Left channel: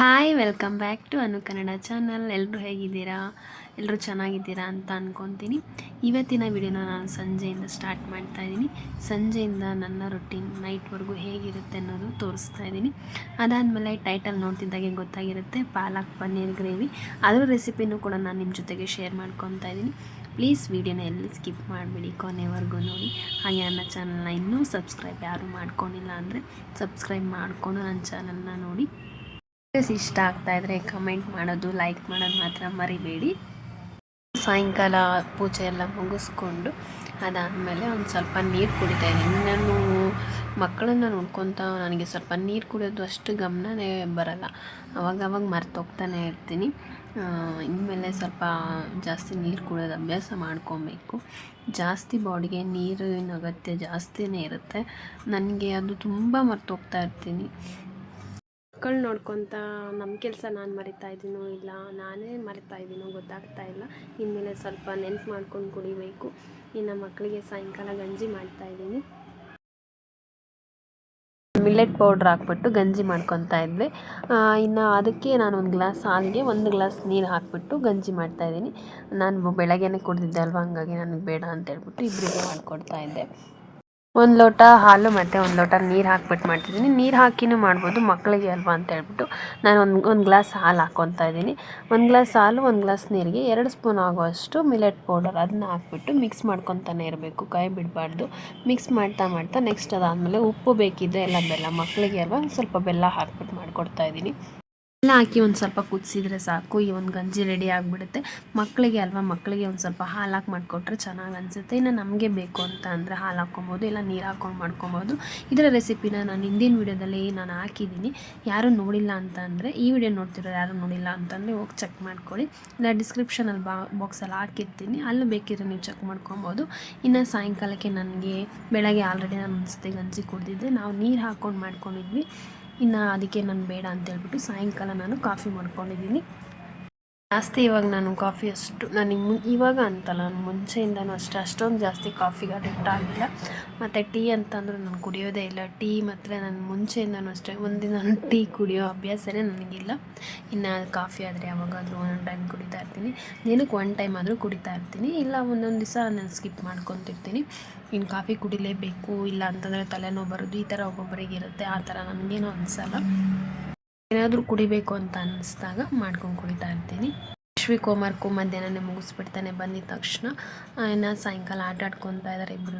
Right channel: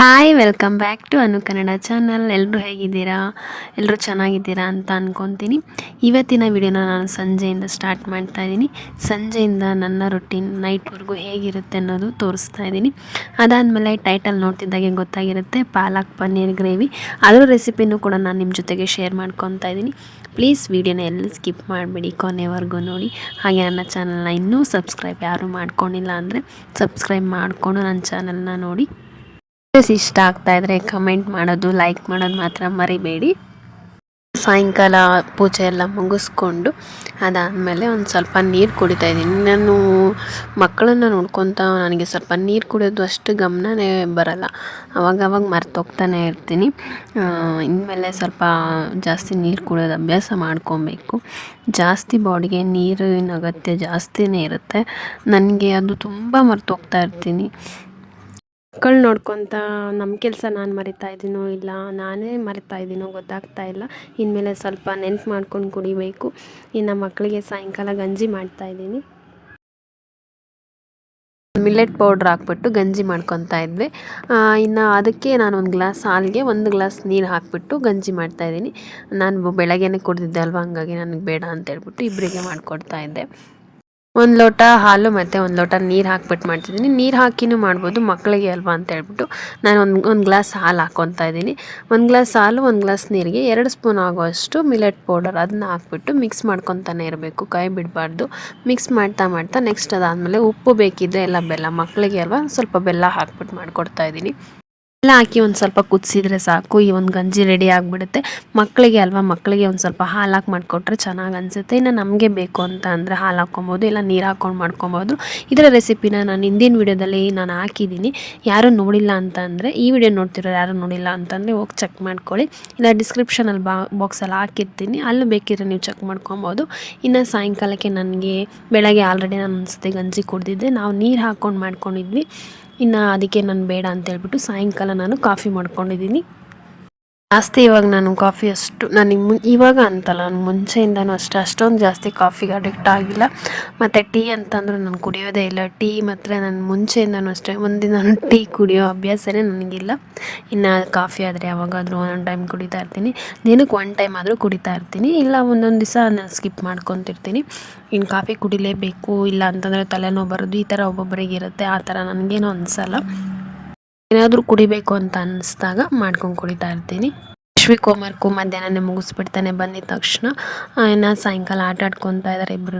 Hi, welcome back to Anu Kannada channel. ಎಲ್ಲರೂ ಹೇಗಿದ್ದೀರಾ? ಎಲ್ಲರೂ ಚೆನ್ನಾಗಿದ್ದೀರಾ ಅಂತ ಅಂದ್ಕೊತೀನಿ. ಇವತ್ತಿನ ವಿಡಿಯೋನ ನಾನು ಸಂಜೆಯಿಂದ ಸ್ಟಾರ್ಟ್ ಮಾಡ್ತಾ ಇದ್ದೀನಿ. ಸಂಜೆಯಿಂದ ನನ್ನ ರೊಟೀನ್ ನೈಟ್ವರೆಗೂ ಹೇಗಿರುತ್ತೆ ಅನ್ನೋದು ತೋರಿಸ್ತಾ ಇದ್ದೀನಿ. ಅದಾದಮೇಲೆ ಟೈಟಲ್ ನೋಡ್ತಿದ್ದಾಗೆ ಗೊತ್ತಾಗಿರುತ್ತೆ, ಪಾಲಕ್ ಪನ್ನೀರ್ ಗ್ರೇವಿ. ಅದರ ರೆಸಿಪಿನೂ ಕೂಡ ನಾನು ನಿಮ್ಮ ಜೊತೆಗೆ ಶೇರ್ ಮಾಡ್ಕೊತಾ ಇದ್ದೀನಿ. ಪ್ಲೀಸ್ ವಿಡಿಯೋನ ಎಲ್ಲಿ ಸ್ಕಿಪ್ ಮಾಡಿಬಿಡಿ, ಕೊನೆವರೆಗೂ ನೋಡಿ. ಹಾಗೆ ನನ್ನ ಚಾನಲ್ನ ಇನ್ನೂ ಸಬ್ಸ್ಕ್ರೈಬ್ ಯಾರೂ ಮಾಡ್ಕೊಂಡಿಲ್ಲ ಅಂದರೆ ಸಬ್ಸ್ಕ್ರೈಬ್ ಮಾಡಿಕೊಂಡು ನನ್ನ ಚಾನಲ್ನ ನೋಡಿ. ಇಷ್ಟ ಆಗ್ತಾ ಇದ್ರೆ ಕಮೆಂಟ್ ಮಾಡೋದು, ಲೈಕ್ ಮಾಡೋದು ಮಾತ್ರ ಮರಿಬೇಡಿ. ಸಾಯಂಕಾಲ ಪೂಜೆ ಎಲ್ಲ ಮುಗಿಸ್ಕೊಂಡು ಅದಾದಮೇಲೆ ಒಂದು ಸ್ವಲ್ಪ ನೀರು ಕುಡಿತಾ ಇದ್ದೀನಿ. ನಾನು ಮಕ್ಕಳನ್ನು ನೋಡ್ಕೊತ ನನಗೆ ಸ್ವಲ್ಪ ನೀರು ಕುಡಿಯೋದು ಅಷ್ಟು ಗಮನನೇ ಬರಲ್ಲ. ಅವಾಗವಾಗ ಮರ್ತೋಗ್ತಾನೆ ಇರ್ತೀನಿ. ಇನ್ಮೇಲೆ ಸ್ವಲ್ಪ ಜಾಸ್ತಿ ನೀರು ಕುಡಿಯೋದು ಅಭ್ಯಾಸ ಮಾಡ್ಕೊಬೇಕು. ಜಾಸ್ತಿ ಬಾಡಿಗೆ ನೀರಿನ ಅಗತ್ಯ ಜಾಸ್ತಿನೇ ಇರುತ್ತೆ. ನನಗೆ ಅದು ತುಂಬ ಮರ್ತೋಗ್ತಾ ಇರ್ತೀನಿ. ಮಕ್ಕಳು ನೋಡ್ಕೊತ ನಮ್ಮ ಕೆಲಸ ನಾನು ಮರಿತಾ ಇದ್ದೀನೋ ಇಲ್ಲ ನಾನೇ ಮರಿತಾ ಇದ್ದೀನೋ ಗೊತ್ತಾಗ್ತಾ ಇಲ್ಲ. ಇನ್ಮೇಲೆ ಸ್ವಲ್ಪ ನೆನ್ಪು ಮಾಡ್ಕೊಂಡು ಕುಡಿಬೇಕು. ಇನ್ನು ಮಕ್ಕಳಿಗೆ ಸಾಯಂಕಾಲ ಗಂಜಿ ಮಾಡ್ತಾಯಿದ್ದೀನಿ. ಮಿಲ್ಲೆಟ್ ಪೌಡ್ರ್ ಹಾಕ್ಬಿಟ್ಟು ಗಂಜಿ ಮಾಡ್ಕೊತಾ ಇದ್ವಿ. ಇನ್ನು ಅದಕ್ಕೆ ನಾನು ಒಂದು ಗ್ಲಾಸ್ ಹಾಲಿಗೆ 1 ಗ್ಲಾಸ್ ನೀರು ಹಾಕಿಬಿಟ್ಟು ಗಂಜಿ ಮಾಡ್ತಾಯಿದ್ದೀನಿ. ನಾನು ಬೆಳಗ್ಗೆನೇ ಕುಡಿದಿದ್ದೆ ಅಲ್ವ, ಹಂಗಾಗಿ ನನಗೆ ಬೇಡ ಅಂತ ಹೇಳ್ಬಿಟ್ಟು ಇಬ್ಬರಿಗೆ ಮಾಡಿಕೊಡ್ತಾ ಇದ್ದೆ. 1 ಲೋಟ ಹಾಲು ಮತ್ತು 1 ಲೋಟ ನೀರು ಹಾಕ್ಬಿಟ್ಟು ಮಾಡ್ತಿದ್ದೀನಿ. ನೀರು ಹಾಕಿನೂ ಮಾಡ್ಬೋದು, ಮಕ್ಕಳಿಗೆ ಅಲ್ವಾ ಅಂತ ಹೇಳ್ಬಿಟ್ಟು ನಾನು ಒಂದು ಗ್ಲಾಸ್ ಹಾಲು ಹಾಕ್ಕೊತಾ ಇದ್ದೀನಿ. 1 ಗ್ಲಾಸ್ ಹಾಲು 1 ಗ್ಲಾಸ್ ನೀರಿಗೆ 2 ಸ್ಪೂನ್ ಆಗುವಷ್ಟು ಮಿಲೆಟ್ ಪೌಡರ್ ಅದನ್ನ ಹಾಕ್ಬಿಟ್ಟು ಮಿಕ್ಸ್ ಮಾಡ್ಕೊತಾನೆ ಇರಬೇಕು, ಕೈ ಬಿಡಬಾರ್ದು. ಮಿಕ್ಸ್ ಮಾಡ್ತಾ ನೆಕ್ಸ್ಟ್ ಅದಾದಮೇಲೆ ಉಪ್ಪು ಬೇಕಿದ್ದರೆ ಎಲ್ಲ ಬೆಲ್ಲ, ಮಕ್ಕಳಿಗೆ ಅಲ್ವಾ ಸ್ವಲ್ಪ ಬೆಲ್ಲ ಹಾಕ್ಬಿಟ್ಟು ಮಾಡಿಕೊಡ್ತಾ ಇದ್ದೀನಿ. ಎಲ್ಲ ಹಾಕಿ ಒಂದು ಸ್ವಲ್ಪ ಕುದಿಸಿದ್ರೆ ಸಾಕು, ಈ ಒಂದು ಗಂಜಿ ರೆಡಿ ಆಗಿಬಿಡುತ್ತೆ. ಮಕ್ಕಳಿಗೆ ಅಲ್ವಾ, ಮಕ್ಕಳಿಗೆ ಒಂದು ಸ್ವಲ್ಪ ಹಾಲು ಹಾಕಿ ಮಾಡಿಕೊಟ್ರೆ ಚೆನ್ನಾಗಿ ಅನಿಸುತ್ತೆ. ಇನ್ನು ನಮಗೆ ಬೇಕು ಅಂತ ಅಂದರೆ ಹಾಲು ಹಾಕ್ಕೊಬೋದು, ಇಲ್ಲ ನೀರು ಹಾಕ್ಕೊಂಡು ಮಾಡ್ಕೊಬೋದು. ಇದರ ರೆಸಿಪಿನ ನಾನು ಹಿಂದಿನ ವೀಡಿಯೋದಲ್ಲಿ ನಾನು ಹಾಕಿದ್ದೀನಿ. ಯಾರೂ ನೋಡಿಲ್ಲ ಅಂತ ಅಂದರೆ, ಈ ವಿಡಿಯೋ ನೋಡ್ತಿರೋರು ಯಾರು ನೋಡಿಲ್ಲ ಅಂತಂದರೆ ಹೋಗಿ ಚೆಕ್ ಮಾಡ್ಕೊಳ್ಳಿ. ಇಲ್ಲ ಡಿಸ್ಕ್ರಿಪ್ಷನಲ್ಲಿ ಬಾಕ್ಸಲ್ಲಿ ಹಾಕಿರ್ತೀನಿ, ಅಲ್ಲೂ ಬೇಕಿದ್ರೆ ನೀವು ಚೆಕ್ ಮಾಡ್ಕೊಬೋದು. ಇನ್ನು ಸಾಯಂಕಾಲಕ್ಕೆ ನನಗೆ ಬೆಳಗ್ಗೆ ಆಲ್ರೆಡಿ ನಾನು ಅನಿಸುತ್ತೆ ಗಂಜಿ ಕುಡಿದಿದ್ದೆ, ನಾವು ನೀರು ಹಾಕ್ಕೊಂಡು ಮಾಡ್ಕೊಂಡಿದ್ವಿ. ಇನ್ನು ಅದಕ್ಕೆ ನಾನು ಬೇಡ ಅಂತ ಹೇಳ್ಬಿಟ್ಟು ಸಾಯಂಕಾಲ ನಾನು ಕಾಫಿ ಮಾಡ್ಕೊಂಡಿದ್ದೀನಿ. ಜಾಸ್ತಿ ಇವಾಗ ನಾನು ಕಾಫಿ ಅಷ್ಟು ನನಗೆ ಇವಾಗ ಅಂತಲ್ಲ, ನಾನು ಮುಂಚೆಯಿಂದನೂ ಅಷ್ಟೊಂದು ಜಾಸ್ತಿ ಕಾಫಿಗೆ ಅಡಿಕ್ಟ್ ಆಗಿಲ್ಲ. ಮತ್ತು ಟೀ ಅಂತಂದರೂ ನಾನು ಕುಡಿಯೋದೇ ಇಲ್ಲ. ಟೀ ಮಾತ್ರ ನಾನು ಮುಂಚೆಯಿಂದನೂ ಅಷ್ಟೇ, ಒಂದಿನ ಟೀ ಕುಡಿಯೋ ಅಭ್ಯಾಸನೇ ನನಗಿಲ್ಲ. ಇನ್ನು ಕಾಫಿ ಆದರೆ ಯಾವಾಗಾದರೂ ಒಂದೊಂದು ಟೈಮ್ ಕುಡಿತಾ ಇರ್ತೀನಿ, ದಿನಕ್ಕೆ 1 ಟೈಮ್ ಆದರೂ ಕುಡಿತಾ ಇರ್ತೀನಿ. ಇಲ್ಲ ಒಂದೊಂದು ದಿವಸ ನಾನು ಸ್ಕಿಪ್ ಮಾಡ್ಕೊತಿರ್ತೀನಿ. ಇನ್ನು ಕಾಫಿ ಕುಡಿಲೇಬೇಕು ಇಲ್ಲ ಅಂತಂದರೆ ತಲೆನೋವು ಬರೋದು, ಈ ಥರ ಒಬ್ಬೊಬ್ಬರಿಗೆ ಇರುತ್ತೆ. ಆ ಥರ ನನಗೇನೂ ಅನಿಸಲ್ಲ. ಏನಾದರೂ ಕುಡಿಬೇಕು ಅಂತ ಅನ್ನಿಸ್ದಾಗ ಮಾಡ್ಕೊಂಡು ಕುಡಿತಾ ಇರ್ತೀನಿ. ಅಶ್ವಿಕ್ ಹೋಮ್ವರ್ಕು ಮಧ್ಯಾಹ್ನನೇ ಮುಗಿಸ್ಬಿಡ್ತಾನೆ ಬಂದಿದ ತಕ್ಷಣ. ಇನ್ನು ಸಾಯಂಕಾಲ ಆಟ ಆಡ್ಕೊತಾ ಇದ್ದಾರೆ ಇಬ್ಬರು.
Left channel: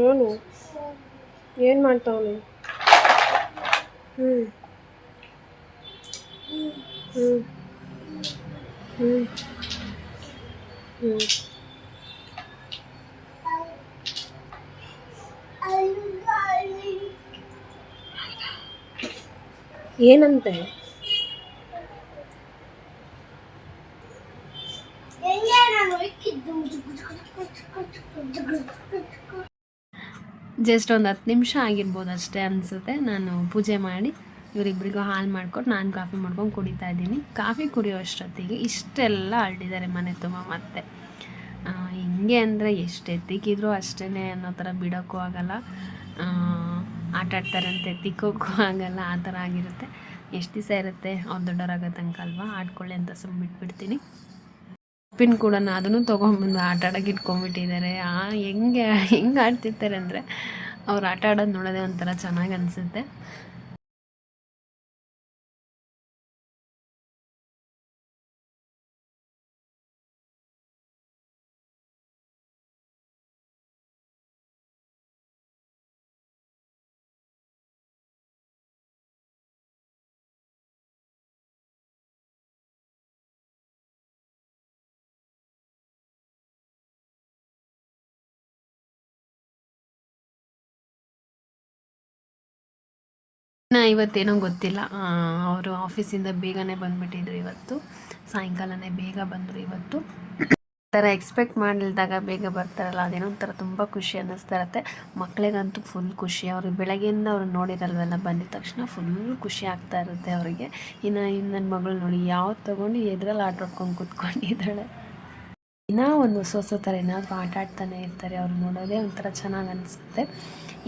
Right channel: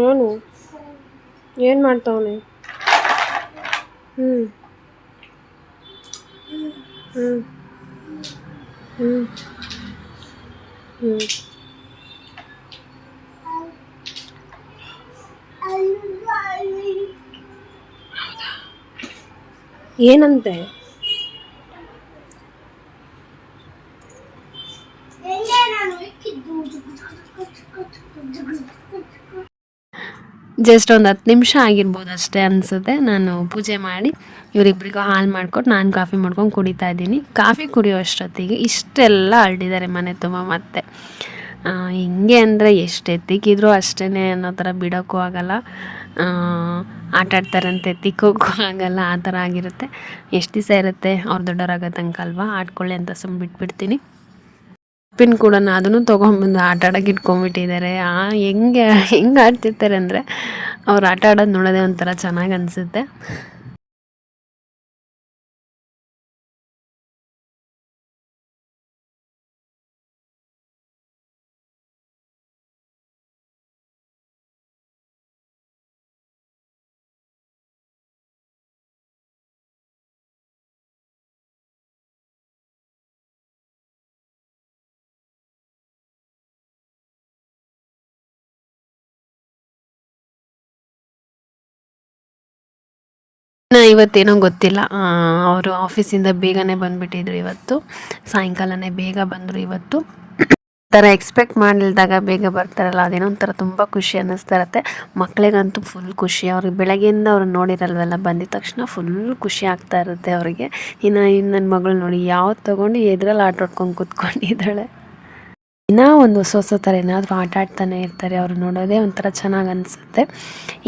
ಅವನು ಏನು ಮಾಡ್ತಾವನೆ? ಹ್ಞೂ ಹ್ಞೂ ಹ್ಞೂ ಹ್ಞೂ ಏನಂತೆ? ಜಸ್ಟ್ ಒಂದು 10 ನಿಮಿಷ ಆಗಿರ್ಬೋದು ಅಷ್ಟೇ ಅನಿಸುತ್ತೆ. ನಾನು ಪೂಜೆ ಮಾಡಿ ಇವರಿಬ್ಬರಿಗೂ ಹಾಲು ಮಾಡಿಕೊಟ್ಟು ನಾನು ಕಾಫಿ ಮಾಡ್ಕೊಂಡು ಕುಡಿತಾ ಇದ್ದೀನಿ. ಕಾಫಿ ಕುಡಿಯೋ ಅಷ್ಟೊತ್ತಿಗೆ ಇಷ್ಟೆಲ್ಲ ಹರಡಿದ್ದಾರೆ ಮನೆ ತುಂಬ. ಮತ್ತೆ ಹಿಂಗೆ ಅಂದರೆ ಎಷ್ಟು ಎತ್ತಿಕ್ಕಿದ್ರು ಅಷ್ಟೇ ಅನ್ನೋ ಥರ ಬಿಡೋಕ್ಕೂ ಆಗಲ್ಲ, ಆಟಾಡ್ತಾರಂತೆ ಎತ್ತಿಕ್ಕೋಕ್ಕೂ ಆಗಲ್ಲ, ಆ ಥರ ಆಗಿರುತ್ತೆ. ಎಷ್ಟು ದಿವಸ ಇರುತ್ತೆ, ಅವ್ರು ದೊಡ್ಡವರಾಗೋ ತನಕ ಅಲ್ವಾ, ಆಡ್ಕೊಳ್ಳಿ ಅಂತ ಸುಮ್ಮನೆ ಬಿಟ್ಬಿಡ್ತೀನಿ. ಪಿನ್ ಕೂಡ ಅದನ್ನು ತೊಗೊಂಬಂದು ಆಟ ಆಡೋಕೆ ಇಟ್ಕೊಂಡ್ಬಿಟ್ಟಿದ್ದಾರೆ. ಹೆಂಗೆ ಆಡ್ತಿರ್ತಾರೆ ಅಂದರೆ, ಅವ್ರು ಆಟ ಆಡೋದು ನೋಡೋದೇ ಒಂಥರ ಚೆನ್ನಾಗಿ ಅನಿಸುತ್ತೆ. ಇವತ್ತೇನೋ ಗೊತ್ತಿಲ್ಲ, ಅವರು ಆಫೀಸಿಂದ ಬೇಗನೆ ಬಂದುಬಿಟ್ಟಿದ್ರು ಇವತ್ತು, ಸಾಯಂಕಾಲನೇ ಬೇಗ ಬಂದರು ಇವತ್ತು. ಥರ ಎಕ್ಸ್ಪೆಕ್ಟ್ ಮಾಡಿಲ್ದಾಗ ಬೇಗ ಬರ್ತಾರಲ್ಲ ಅದೇನೋ ಒಂಥರ ತುಂಬ ಖುಷಿ ಅನ್ನಿಸ್ತಾ ಇರುತ್ತೆ. ಮಕ್ಕಳಿಗಂತೂ ಫುಲ್ ಖುಷಿ. ಅವ್ರಿಗೆ ಬೆಳಗ್ಗೆಯಿಂದ ಅವ್ರು ನೋಡಿರಲ್ವಲ್ಲ, ಬಂದಿದ ತಕ್ಷಣ ಫುಲ್ ಖುಷಿ ಆಗ್ತಾ ಇರುತ್ತೆ ಅವರಿಗೆ. ಇನ್ನು ನನ್ನ ಮಗಳು ನೋಡಿ ಯಾವ್ದು ತೊಗೊಂಡು ಎದ್ರಲ್ಲಿ ಆಟ ಆಡ್ಕೊಂಡು ಕೂತ್ಕೊಂಡಿದ್ದಾಳೆ. ಇನ್ನೂ ಒಂದು ಹೊಸ ಥರ ಏನಾದರೂ ಆಟ ಆಡ್ತಾನೆ ಇರ್ತಾರೆ, ಅವ್ರು ನೋಡೋದೇ ಒಂಥರ ಚೆನ್ನಾಗಿ ಅನಿಸುತ್ತೆ.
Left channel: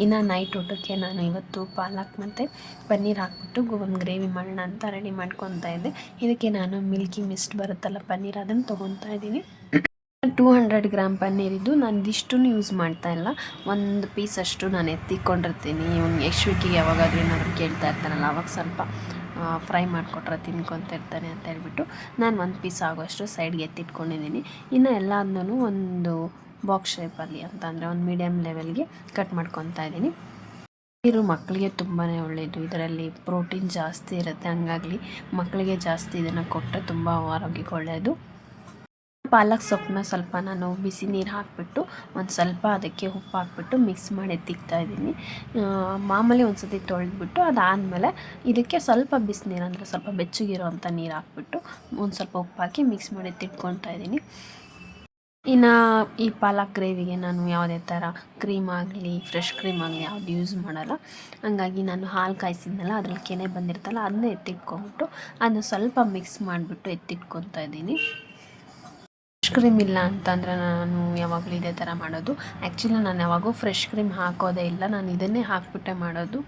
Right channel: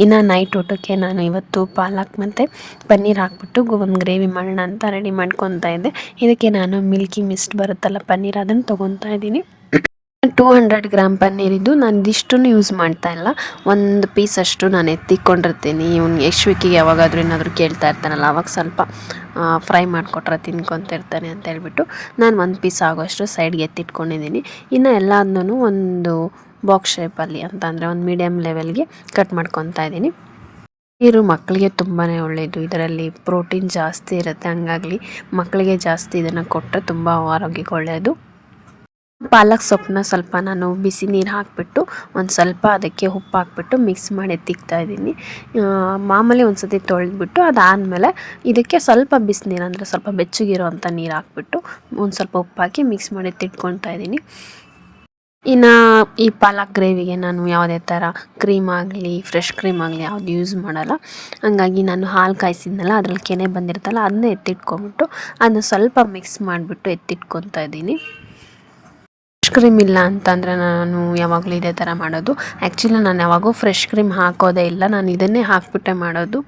ಇನ್ನು ನೈಟ್ ಊಟಕ್ಕೆ ನಾನು ಇವತ್ತು ಪಾಲಕ್ ಮತ್ತು ಪನ್ನೀರ್ ಹಾಕ್ಬಿಟ್ಟು ಒಂದು ಗ್ರೇವಿ ಮಾಡೋಣ ಅಂತ ರೆಡಿ ಮಾಡ್ಕೊತಾ ಇದ್ದೆ. ಇದಕ್ಕೆ ನಾನು ಮಿಲ್ಕಿ ಮಿಸ್ಟ್ ಬರುತ್ತಲ್ಲ ಪನ್ನೀರ್, ಅದನ್ನು ತೊಗೊತಾ ಇದ್ದೀನಿ. 200 ಗ್ರಾಮ್ ಪನ್ನೀರಿದ್ದು ನಾನು ಇದಿಷ್ಟನ್ನು ಯೂಸ್ ಮಾಡ್ತಾ ಇಲ್ಲ. ಒಂದು ಪೀಸ್ ಅಷ್ಟು ನಾನು ಎತ್ತಿಕೊಂಡಿರ್ತೀನಿ. ಇವ್ನು ಯಶ್ವಿಕಿಗೆ ಯಾವಾಗಾದ್ರೂ ಏನಾದರೂ ಕೇಳ್ತಾ ಇರ್ತಾನಲ್ಲ, ಅವಾಗ ಸ್ವಲ್ಪ ಫ್ರೈ ಮಾಡಿಕೊಟ್ರೆ ತಿನ್ಕೊತಿರ್ತಾನೆ ಅಂತ ಹೇಳ್ಬಿಟ್ಟು ನಾನು ಒಂದು ಪೀಸ್ ಆಗೋಷ್ಟು ಸೈಡ್ಗೆ ಎತ್ತಿಟ್ಕೊಂಡಿದ್ದೀನಿ. ಇನ್ನು ಎಲ್ಲದನ್ನೂ ಒಂದು ಬಾಕ್ಸ್ ಶೇಪಲ್ಲಿ ಅಂತಂದರೆ ಒಂದು ಮೀಡಿಯಮ್ ಲೆವೆಲ್ಗೆ ಕಟ್ ಮಾಡ್ಕೊತಾ ಇದ್ದೀನಿ. ನೀರು ಮಕ್ಕಳಿಗೆ ತುಂಬಾ ಒಳ್ಳೆಯದು. ಇದರಲ್ಲಿ ಪ್ರೋಟೀನ್ ಜಾಸ್ತಿ ಇರುತ್ತೆ, ಹಂಗಾಗಿ ಮಕ್ಕಳಿಗೆ ಜಾಸ್ತಿ ಇದನ್ನು ಕೊಟ್ಟರೆ ತುಂಬ ಆರೋಗ್ಯಕ್ಕೆ ಒಳ್ಳೆಯದು. ಪಾಲಕ್ ಸೊಪ್ಪನ್ನ ಸ್ವಲ್ಪ ನಾನು ಬಿಸಿ ನೀರು ಹಾಕಿಬಿಟ್ಟು ಒಂದು ಸ್ವಲ್ಪ ಅದಕ್ಕೆ ಉಪ್ಪು ಹಾಕ್ಬಿಟ್ಟು ಮಿಕ್ಸ್ ಮಾಡಿ ಎತ್ತಿಕ್ತಾ ಇದ್ದೀನಿ. ಮಾಮೂಲಿ ಒಂದು ಸತಿ ತೊಳೆದ್ಬಿಟ್ಟು ಅದಾದಮೇಲೆ ಇದಕ್ಕೆ ಸ್ವಲ್ಪ ಬಿಸಿನೀರು, ಅಂದರೆ ಸ್ವಲ್ಪ ಬೆಚ್ಚಗಿರೋ ಅಂಥ ನೀರು ಹಾಕ್ಬಿಟ್ಟು ಒಂದು ಸ್ವಲ್ಪ ಉಪ್ಪು ಹಾಕಿ ಮಿಕ್ಸ್ ಮಾಡಿ ಎತ್ತಿಟ್ಕೊತಾ ಇದ್ದೀನಿ. ಇನ್ನು ಈ ಪಾಲಕ್ ಗ್ರೇವಿಗೆ ನಾನು ಯಾವುದೇ ಥರ ಕ್ರೀಮ್ ಆಗಲಿ ಫ್ರೆಶ್ ಕ್ರೀಮ್ ಆಗಲಿ ಯಾವುದು ಯೂಸ್ ಮಾಡಲ್ಲ. ಹಂಗಾಗಿ ನಾನು ಹಾಲು ಕಾಯಿಸಿದ್ನಲ್ಲ, ಅದ್ರಲ್ಲಿ ಕೆನೆ ಬಂದಿರ್ತಲ್ಲ, ಅದನ್ನೇ ಎತ್ತಿಟ್ಕೊಂಬಿಟ್ಟು ಅದನ್ನ ಸ್ವಲ್ಪ ಮಿಕ್ಸ್ ಮಾಡಿಬಿಟ್ಟು ಎತ್ತಿಟ್ಕೊತಾ ಇದ್ದೀನಿ. ಫ್ರೆಶ್ ಕ್ರೀಮ್ ಇಲ್ಲ ಅಂತಂದರೆ ನಾನು ಯಾವಾಗಲೂ ಇದೇ ಥರ ಮಾಡೋದು. ಆ್ಯಕ್ಚುಲಿ ನಾನು ಯಾವಾಗೂ ಫ್ರೆಶ್ ಕ್ರೀಮ್ ಹಾಕೋದೇ ಇಲ್ಲ, ನಾನು ಇದನ್ನೇ ಹಾಕ್ಬಿಟ್ಟೆ ಮಾಡೋದು.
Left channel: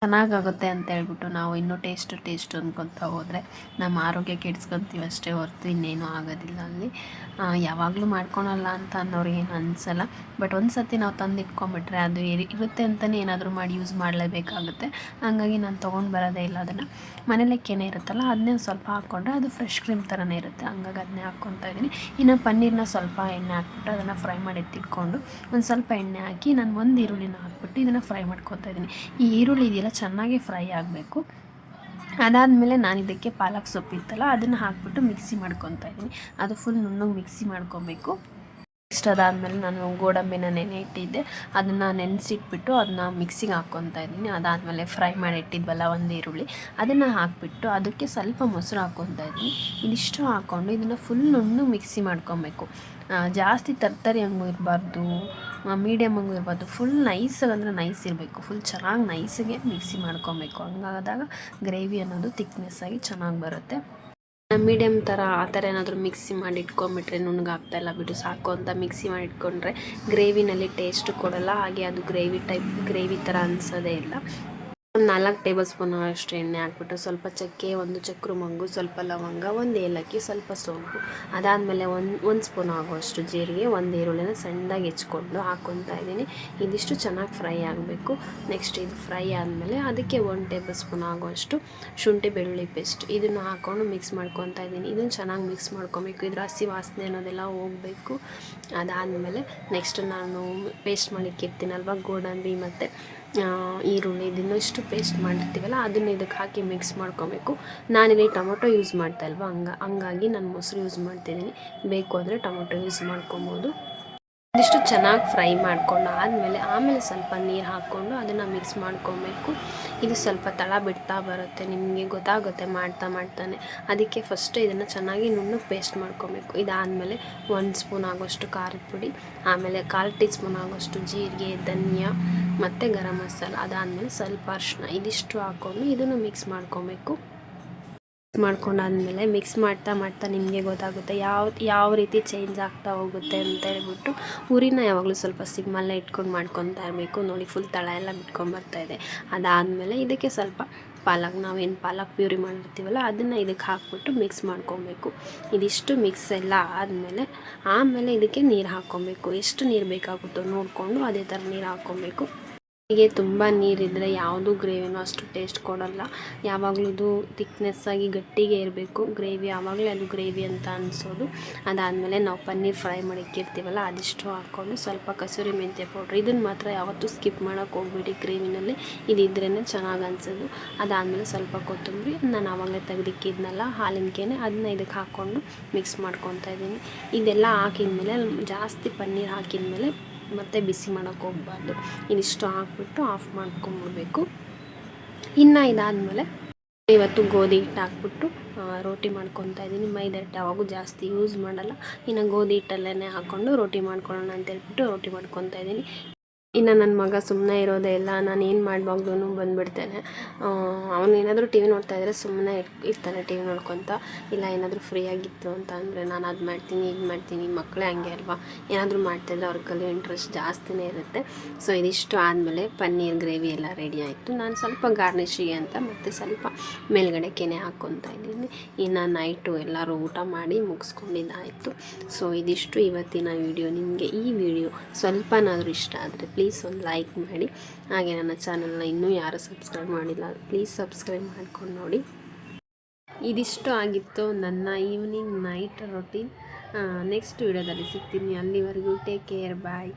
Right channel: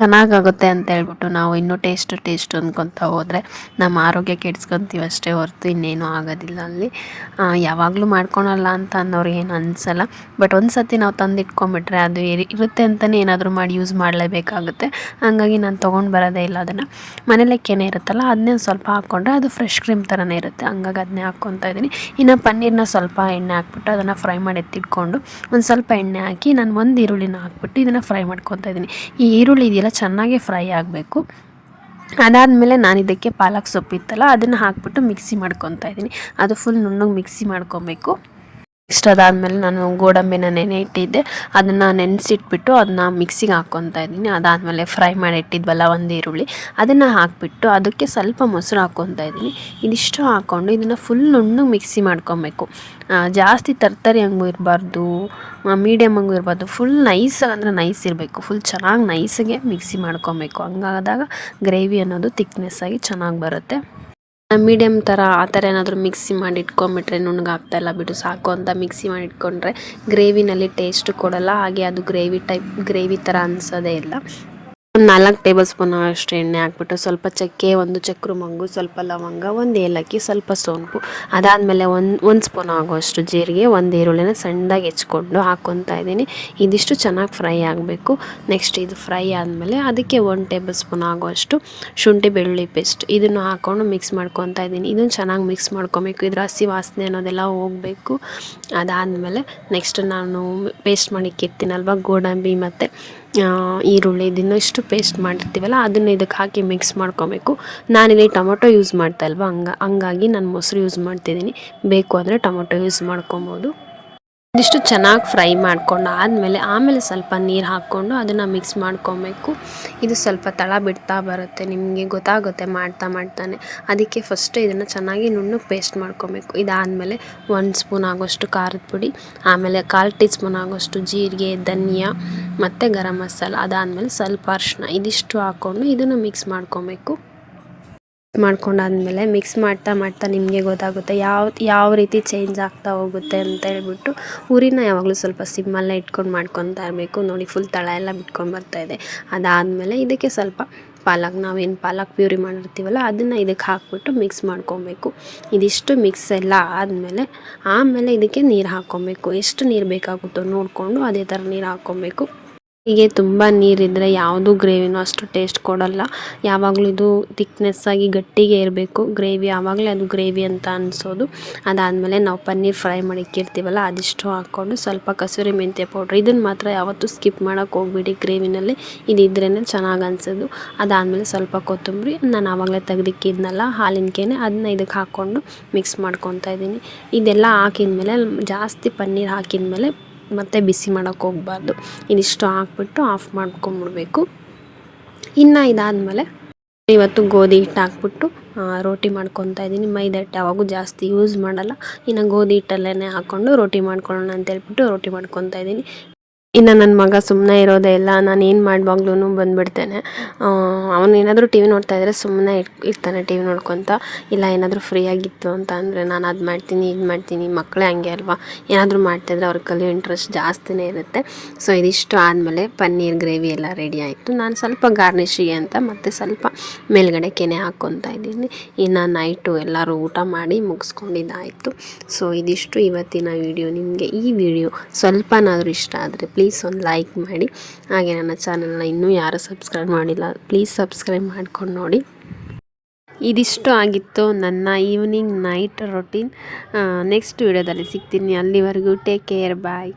ಚೆನ್ನಾಗಾಗುತ್ತೆ ಅಂತ ಹೇಳ್ಬಿಟ್ಟು ನಾವು ಇನ್ನೂ ಟೇಸ್ಟ್ ಅಂದ್ಕೊತಾ ಹೋದರೆ ನಮ್ಮ ಆರೋಗ್ಯ ಕೆಡಿಸ್ಕೊತೀವಿ ಅಷ್ಟೇ ಹೊರತು ಇನ್ನೇನು ಆಗೋದಿಲ್ಲ ಅಲ್ಲಿ. ಯಾವಾಗಲೂ ಮಾಡ್ಕೊಳಲ್ಲ ಅಂತ ಅನ್ನೋರಿಗೆ ಏನು ಅನಿಸಲ್ಲ. ಬಟ್ ಒಂದು ಸತಿ ನಾವು ತಂದಿಟ್ಕೊಂಬಿಟ್ರೆ ಅದು ಇರುತ್ತೆ ಅಂತಲೇ ಏನಾದರೂ ಮಾಡಿ ಯೂಸ್ ಮಾಡಲೇಬೇಕಾಗುತ್ತೆ. ಹಾಗಾಗಿ ನಾನು ತೊಗೊಂಡು ಬರೋದೇ ಇಲ್ಲ ಅದನ್ನು. ಮನೇಲೆ ಕೆನೆ ಇರುತ್ತಲ್ಲ, ಅದನ್ನೇ ಸ್ವಲ್ಪ ಹಾಕ್ಕೊಂಡ್ರೆ ಅದು ಫ್ರೆಶ್ ಕ್ರೀಮ್ ಥರನೇ ಇರುತ್ತೆ. ಹಂಗಾಗಿ ಅದನ್ನೇ ಹಾಕ್ಕೊತಾ ಇದ್ದೀನಿ. ಇನ್ನು ಪನ್ನೀರನ್ನ ಸ್ವಲ್ಪ ಎಣ್ಣೆ ಹಾಕ್ಬಿಟ್ಟು ಅದನ್ನು ಫ್ರೈ ಮಾಡಿ ಎತ್ತಿಟ್ಕೊಂಡು ಒಂದು ಸ್ವಲ್ಪ ಎಣ್ಣೆ ಹಾಕಿ ನಾನು ಒಂದು ಈರುಳ್ಳಿನ ಹಾಕ್ಬಿಟ್ಟು ಇದನ್ನು ಫ್ರೈ ಮಾಡ್ಕೊತಾ ಇದ್ದೀನಿ. ಈ ಈರುಳ್ಳಿ ಇದೆಯಲ್ಲ ಚೆನ್ನಾಗಿ ಫ್ರೈ ಆಗಬೇಕು. ಅದಾದಮೇಲೆ ನಾನು ಇದಕ್ಕೆ ಪಾಲಕ್ ಸೊಪ್ಪಿತ್ತಲ್ಲ ಅದನ್ನು ಹಾಕ್ಬಿಟ್ಟು ಮಿಕ್ಸಿ ಮಾಡ್ಕೊತಾ ಇದ್ದೀನಿ. ಅದು ಫುಲ್ ನುಣ್ಣಗೆ ಮಿಕ್ಸಿ ಮಾಡ್ಕೊಬೇಕು. ನೆಕ್ಸ್ಟ್ ಅದಾದಮೇಲೆ ನಾನು ಗೋಡಂಬಿನ ನೆನೆ ಇಟ್ಟಿದ್ದೆ, ಅದನ್ನು ನೆನೆಸಿಟ್ಬಿಟ್ಟು ಅದನ್ನ ಮಿಕ್ಸಿಗೆ ಹಾಕ್ಕೊತಾ ಇದ್ದೀನಿ. ಅದಾದಮೇಲೆ ಫ್ರೈ ಮಾಡಿ ಇಟ್ಟಿದ್ವಲ್ಲ ಒಂದು ಈರುಳ್ಳಿ, ಅದನ್ನು ಹಾಕಿಬಿಟ್ಟು ಅದಕ್ಕೆ ಸ್ವಲ್ಪ ಮೊಸರು ಹಾಕ್ಕೊತಾ ಇದ್ದೀನಿ. ಇದಿಷ್ಟು ಹಾಕ್ಕೊಂಡು ಇದನ್ನು ಫುಲ್ ನುಣ್ಣಗೆ ಮಿಕ್ಸಿ ಮಾಡ್ಕೊಬೇಕು. ಜಾಸ್ತಿ ತರ್ತರಿ ಹಂಗೂ ಇರಬಾರ್ದು, ಮೀಡಿಯಮ್ ಹಂಗೂ ಇರಬಾರ್ದು. ಫುಲ್ ನೈಸಾಗಿ ಅಂದರೆ ನೈಸ್ ಇರಬೇಕು. ಫುಲ್ ಚೆನ್ನಾಗಿ ನೈಸಿಗೆ ಮಿಕ್ಸಿ ಮಾಡ್ಕೊಬೇಕು. ಹಂಗಾದಾಗ ಗ್ರೇವಿ ಅನ್ನೋದು ತಿಕ್ನೆಸ್ಸಾಗಿ ಚೆನ್ನಾಗಿ ಬರುತ್ತೆ. ಮೀಡಿಯಮ್ ಥರ ಆ ಥರ ಏನಾದರೂ ಮಿಕ್ಸಿ ಮಾಡಿ ಇಟ್ಕೊಂಬಿಟ್ರೆ ನುಣ್ಣಗಾಗ್ತಾಯಿಲ್ಲ ಬಿಡು ಸಾಕು ಅಂತ ಮಿಕ್ಸಿ ಮಾಡಿ ಇಟ್ಕೊಂಡ್ರೆ ಗ್ರೇವಿನಲ್ಲಿ ಟೇಸ್ಟು ಕೊಡಲ್ಲ. ಹಾಗೆ ಅದು ಗ್ರೇವಿ ಥರ ಅನಿಸೋದೇ ಇಲ್ಲ. ಒಂದು 4 ಟೇಬಲ್ ಸ್ಪೂನ್ ಅಷ್ಟು ಎಣ್ಣೆ ಹಾಕ್ಬಿಟ್ಟು ಸ್ವಲ್ಪ ಚಕ್ಕೆ, ಒಂದು ಚಕ್ರ ಮೊಗ್ಗು, ಸ್ವಲ್ಪ ಲವಂಗ, ಒಂದು ಏಲಕ್ಕಿ, ಸ್ವಲ್ಪ ಸೋಂಪು, ಅದಾದಮೇಲೆ ಒಂದು ಸ್ಪೂನ್ ಆಗುವಷ್ಟು ಜೀರಿಗೆ, ಒಂದು ಈರುಳ್ಳಿನ ಸಣ್ಣದಾಗಿ ಹೆಚ್ಕೊಂಡು ಹಾಕ್ಕೊತಾ ಇದ್ದೀನಿ. ಇದಿಷ್ಟು ಚೆನ್ನಾಗಿ ಫ್ರೈ ಆಗಬೇಕು. ನೆಕ್ಸ್ಟ್ ಇದು ಫ್ರೈ ಆದಮೇಲೆ ಅದಕ್ಕೆ 1 ಟೇಬಲ್ ಸ್ಪೂನ್ ಆಗುವಷ್ಟು ಶುಂಠಿ ಬೆಳ್ಳುಳ್ಳಿ ಪೇಸ್ಟ್ ಇದನ್ನು ಹಾಕ್ಕೊಂಡು ಮಿಕ್ಸ್ ಮಾಡ್ಕೊತಾ ಇದ್ದೀನಿ. ಇದನ್ನು ಚೆನ್ನಾಗಿ ಮಿಕ್ಸ್ ಮಾಡ್ಕೊಬೇಕು. ಇದ್ರ ಹಸಿ ವಾಸನೆ ಅನ್ನೋದೆಲ್ಲ ಹೋಗಬೇಕು. ಅದಾದಮೇಲೆ ನೆಕ್ಸ್ಟ್ ನಾನು ಪೇಸ್ಟ್ ಮಾಡಿಕ್ಕಿರ್ತೀನಲ್ವ ಗೋಡಂಬಿ ಮತ್ತು ಈರುಳ್ಳಿ, ಇದನ್ನು ಇಷ್ಟು ಪೇಸ್ಟ್ ಮಾಡಿರ್ತೀವಲ್ಲ ಅದನ್ನು ಇದಕ್ಕೆ ಹಾಕಿ ಮಿಕ್ಸ್ ಮಾಡ್ಕೊಬೇಕು. ನಾನಿಲ್ಲಿ ಟೊಮೊಟೊ ಯೂಸ್ ಮಾಡ್ತಾ ಇಲ್ವ, ಹಂಗಾಗಿ ನಾನು ಮೊಸರು ಯೂಸ್ ಮಾಡ್ತಿದ್ದೀನಿ. ಬೇಕು ಅಂದರೆ ಟೊಮೊಟೊ ಯೂಸ್ ಮಾಡ್ಕೊಬೋದು. ಇದಿಷ್ಟು ಚೆನ್ನಾಗಿ ಫ್ರೈ ಮಾಡ್ಕೊಂಡು ಆಮೇಲೆ ಸ್ವಲ್ಪ ನೀರು ಹಾಕ್ಕೊಂಡು ಅದನ್ನು ಮಿಕ್ಸ್ ಮಾಡ್ಕೊಬೇಕು. ಇದು ಸ್ವಲ್ಪ ತಳ ಬಿಡ್ತಾ ಬರುತ್ತೆ, ನಿಮಗೆ ಗೊತ್ತಾಗುತ್ತೆ ಮಾಡ್ತಾನೆ. ಅದಕ್ಕೆ ಫಸ್ಟ್ ಇದನ್ನು ಚೆನ್ನಾಗಿ ನುಣ್ಣಗೆ ಪೇಸ್ಟ್ ಮಾಡ್ಕೊಬೇಕು. ಇದಾದಮೇಲೆ 1 ಸ್ಪೂನ್ ಆಗೋಷ್ಟು ಖಾರದ ಪುಡಿ, ಆಮೇಲೆ 1/4 ಟೀ ಸ್ಪೂನ್ ಆಗೋಷ್ಟು ಜೀರಿಗೆ, ಧನಿಯಾ ಮತ್ತು ಗರಂ ಮಸಾಲ, ಅದಾದಮೇಲೆ ಸ್ವಲ್ಪ ಅರಿಶಿನ, ಇದಿಷ್ಟು ಹಾಕ್ಕೊಂಡು ಇದನ್ನು ಮಿಕ್ಸ್ ಮಾಡ್ಕೊಬೇಕು. ಮಾಡ್ಕೊಂಡಾದ್ಮೇಲೆ ಮಿಕ್ಸ್ ಮಾಡ್ತಾ ನಿಮಗೆ ಗೊತ್ತಾಗುತ್ತೆ ಯಾವ ರೀತಿ ಚೇಂಜ್ ಆಗ್ತಾ ಹೋಗುತ್ತೆ ಅಂತ ಹೇಳ್ಬಿಟ್ಟು. ಉರಿನ ಯಾವಾಗಲೂ ಸ್ವಲ್ಪ ಸಿಮ್ಮಲ್ಲೇ ಇಟ್ಕೊಂಡು ಮಾಡ್ಕೊತಾ ಇರಬೇಕು. ನೋಡಿ ಫುಲ್ ತಳ ಎಲ್ಲ ಬಿಟ್ಕೊಂಡ್ಬರ್ತಾಯಿದೆ. ಅದಾದಮೇಲೆ ಇದಕ್ಕೆ ಸ್ವಲ್ಪ ನಾವೇನು ಪಾಲಕ್ ಪ್ಯೂರಿ ಮಾಡಿರ್ತೀವಲ್ಲ ಅದನ್ನು ಇದಕ್ಕೆ ಹಾಕ್ಬಿಟ್ಟು ಮಿಕ್ಸ್ ಮಾಡ್ಕೊಬೇಕು. ಇದಿಷ್ಟು ಮಿಕ್ಸ್ ಎಲ್ಲ ಆಮೇಲೆ ಇದಕ್ಕೆ ನೀರು ಹಾಕ್ಕೊಬೇಕು. ಎಷ್ಟು ನೀರು ಬೇಕಾಗುತ್ತೋ ನೋಡಿಕೊಂಡು ಅದೇ ಥರ ನೀರು ಹಾಕ್ಕೊಬೇಕು. ಹೀಗೆ ತುಂಬ ನೀರಿದ್ದರೆ ಯಾವುದೂ ಗ್ರೇವಿನೂ ಅಷ್ಟು ಟೇಸ್ಟ್ ಕೊಡಲ್ಲ. ಯಾವಾಗಲೂ ಇದು ತಿಕ್ನೆಸ್ಸಾಗಿ ಗಟ್ಟಿಗೆ ಇರಬೇಕು ಗ್ರೇವಿ, ಆವಾಗಲೇ ಅದು ಗ್ರೇವಿ ಅಂತ ಅನಿಸೋದು. ಅದಾದಮೇಲೆ ನಾವು ಪನ್ನೀರ್ ಫ್ರೈ ಮಾಡಿಕ್ಕಿರ್ತೀವಲ್ಲ ಅದಿಷ್ಟು ಹಾಕ್ಕೊಂಡು ಸ್ವಲ್ಪ ಕಸೂರಿ ಮೆಂತ್ಯ ಪೌಡ್ರ್, ಇದನ್ನು ಮಾತ್ರ ಯಾವತ್ತೂ ಸ್ಕಿಪ್ ಮಾಡೋಕ್ಕೆ ಹೋಗ್ಬಿಡಿ. ಗ್ರೇವಿನಲ್ಲಿ ಇದಿದ್ರೇ ಚೆನ್ನಾಗಿ ಅನಿಸೋದು. ಅದಾದಮೇಲೆ ಸ್ವಲ್ಪ ಕೊತ್ತಂಬರಿ, ನಾನು ಆವಾಗಲೇ ತೆಗೆದಿಕ್ಕಿದ್ನಲ್ಲ ಹಾಲಿನ ಕೆನೆ, ಅದನ್ನ ಇದಕ್ಕೆ ಹಾಕ್ಕೊಂಡು ಮಿಕ್ಸ್ ಮಾಡ್ಕೊತಾ ಇದ್ದೀನಿ. ಇದೆಲ್ಲ ಹಾಕಿದ್ಮೇಲೆ ಜಾಸ್ತಿ ಪನ್ನೀರ್ ಹಾಕಿದ್ಮೇಲೆ ಮತ್ತು ಬಿಸಿ ಮಾಡೋಕ್ಕೆ ಹೋಗಬಾರ್ದು. ಇದಿಷ್ಟು ಹಾಕ್ಬಿಟ್ಟು ಆಫ್ ಮಾಡ್ಕೊಂಬಿಡ್ಬೇಕು. ಇನ್ನು ಇದಾದಮೇಲೆ ಇವತ್ತು ಗೋಧಿ ಹಿಟ್ಟು ಹಾಕ್ಬಿಟ್ಟು ರೋಟಿ ಮಾಡ್ಕೊತಾ ಇದ್ದೀನಿ. ಮೈದಾ ಹಿಟ್ಟು ಯಾವಾಗೂ ಜಾಸ್ತಿ ಯೂಸ್ ಮಾಡಲ್ಲ. ಇನ್ನು ಗೋಧಿ ಹಿಟ್ಟಲ್ಲೇ ಹಾಕ್ಕೊಂಡು ರೋಟಿ ಮಾಡ್ಕೊಳ್ಳೋಣ ಅಂತ ಹೇಳ್ಬಿಟ್ಟು ರೋಟಿ ಮಾಡ್ಕೊತಾ ಇದ್ದೀನಿ. ಇನ್ನು ನನ್ನ ಮಗ ಸುಮ್ಮನೆ ಇರೋದೇ ಇಲ್ಲ. ನಾನು ಏನು ಮಾಡುವಾಗ್ಲೂ ಬಂದುಬಿಡ್ತೇನೆ. ಅವನು ಏನಾದರೂ ಟಿ ವಿ ನೋಡ್ತಾ ಇದ್ದರೆ ಸುಮ್ಮನೆ ಇರ್ತಾನೆ ಟಿ ವಿ ನೋಡ್ಕೊತ. ಇಲ್ಲ ಏನಾದರೂ ಫ್ರೀ ಆಗಿತ್ತು ಅಂತ ಅಂದರೆ ನಾನು ಅದು ಮಾಡ್ತೀನಿ ಇದು ಮಾಡ್ತೀನಿ. ಮಕ್ಕಳೇ ಹಂಗೆ ಅಲ್ವಾ, ಏನಾದರೂ ಮಾಡ್ತಾಯಿದ್ರೆ ಅವ್ರ ಕಲಿಯೋ ಇಂಟ್ರೆಸ್ಟ್ ಜಾಸ್ತಿನೇ ಇರುತ್ತೆ. ಸೊ ಇದಿಷ್ಟು ಆದಮೇಲೆ ಪನ್ನೀರ್ ಗ್ರೇವಿ ಎಲ್ಲ ರೆಡಿ ಆಯಿತು. ನಾನು ಸ್ವಲ್ಪ ಗಾರ್ನಿಷಿಗೆ ಅಂತ ಮತ್ತು ಸ್ವಲ್ಪ ಮೇಲ್ಗಡೆ ಕೆನೆ ಹಾಕ್ಕೊತಾ ಇದ್ದೀನಿ. ಇನ್ನು ನೈಟು ಎಲ್ಲರೂ ಊಟ ಮಾಡಿ ಮುಗಿಸ್ಕೊಂಡಿದ್ದಾಯಿತು. ಸೊ ಇದಿಷ್ಟು ಇವತ್ತಿನ ವಿಡಿಯೋ. ನಿಮಗೆ ಈ ವಿಡಿಯೋ ಸ್ವಲ್ಪನಾದರೂ ಇಷ್ಟ ಆದರೆ ಪ್ಲೀಸ್ ಒಂದು ಲೈಕ್ ಮಾಡಿ. ಹಾಗೆ ನನ್ನ ಚಾನಲ್ನ ಇನ್ನೂ ಯಾರು ಸಬ್ಸ್ಕ್ರೈಬ್ ಮಾಡಿಲ್ಲ ಪ್ಲೀಸ್ ಸಬ್ಸ್ಕ್ರೈಬ್ ಮಾಡ್ಕೊಂಡು ನೋಡಿ. ಇದಿಷ್ಟು ಆಗಿತ್ತು ನನ್ನ ಈವ್ನಿಂಗ್ ನೈಟ್ ರೊಟೀನ್. ನೆಕ್ಸ್ಟ್ ವಿಡಿಯೋದಲ್ಲಿ ಸಿಗ್ತೀನಿ. ಅಲ್ಲಿವರೆಗೂ ಟೇಕ್ ಕೇರ್, ಬಾಯ್.